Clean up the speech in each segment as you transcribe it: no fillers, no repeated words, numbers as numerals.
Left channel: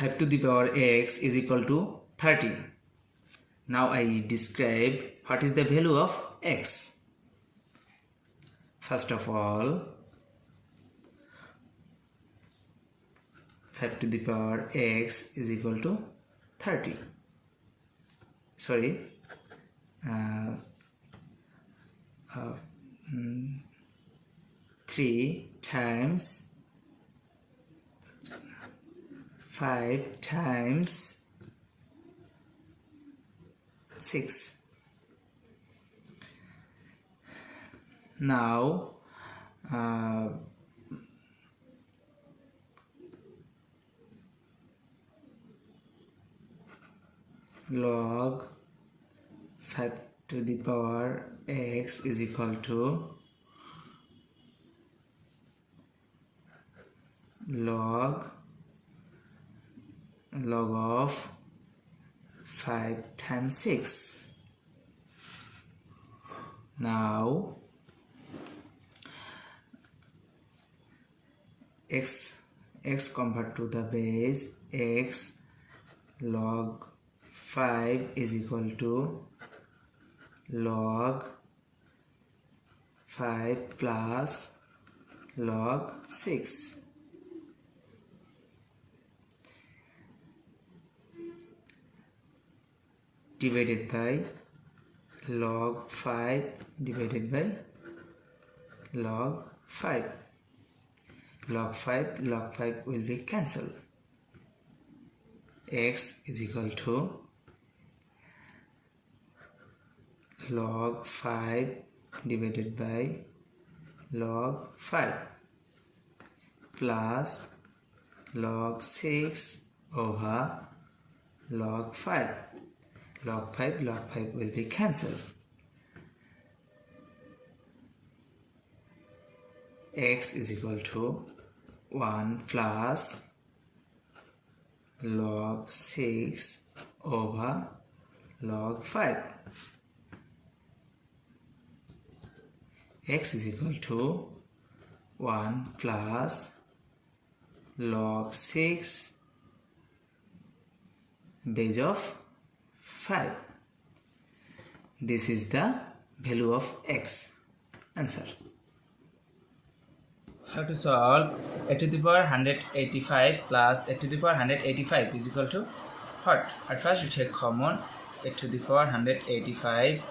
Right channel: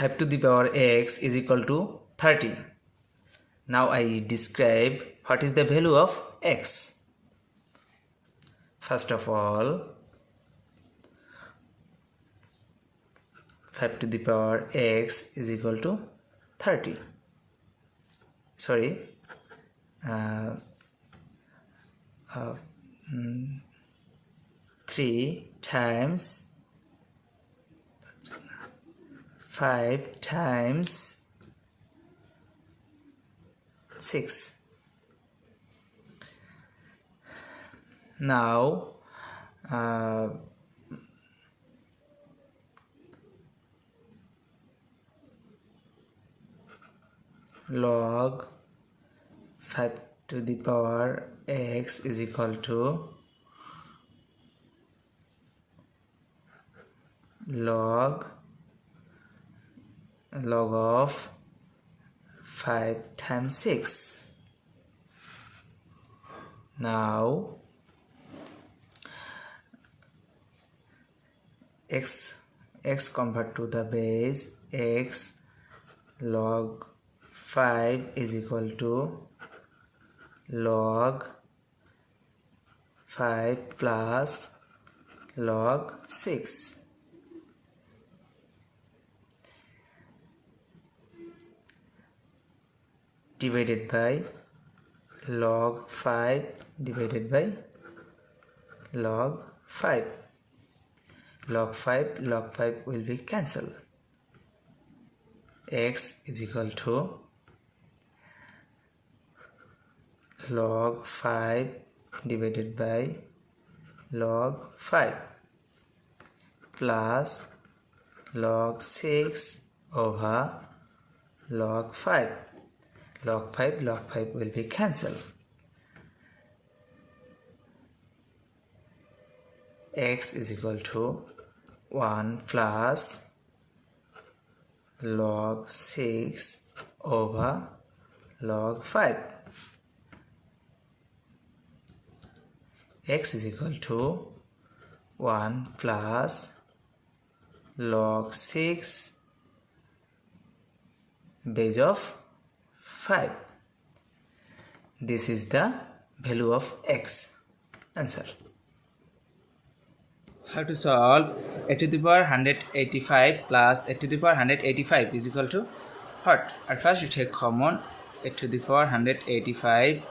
5 to the power x is equal to 30. Now I describe what is the value of x. First of all, 5 to the power x is equal to 30. Sorry, 3 times 5 times 6. Now log 5 to the power x is equal to log of 5 times 6. Now x convert to the base, x log 5 is equal to log 5 plus log 6. Divided by log 5 divided by log 5. Log 5 will be cancelled. X is equal to log 5 divided by log 5 plus log 6 over log 5. Log 5 will be cancelled. X is equal to 1 plus log 6 over log 5. X is equal to 1 plus log 6 base of 5. This is the value of x. Answer. How to solve a to the power 185 plus a to the power 185 is equal to what? At first you take common a to the power 185,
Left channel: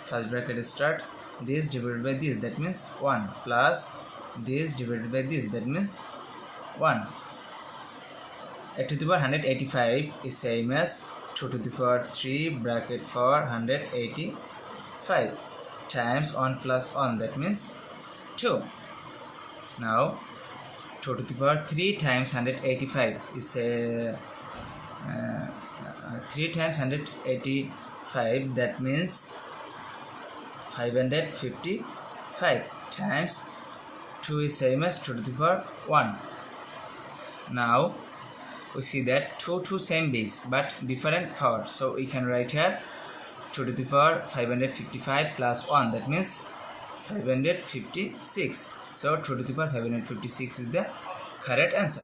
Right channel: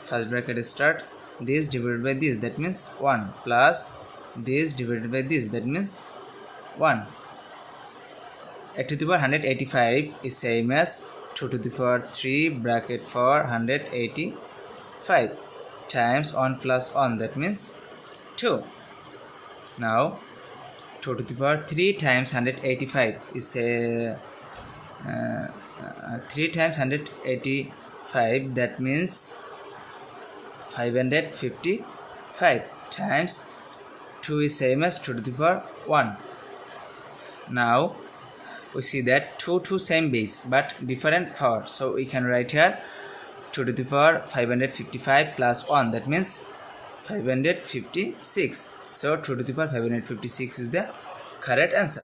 first bracket start, this divided by this, that means 1, plus this divided by this, that means 1. A to the power 185 is same as 2 to the power 3 bracket for 185 times 1 plus 1, that means 2. Now 2 to the power 3 times 185 is 3 times 185, that means 555 times 2 is same as 2 to the power 1. Now we see that 2 same base but different power, so we can write here 2 to the power 555 plus 1, that means 556. So 2 to the power 556 is the correct answer.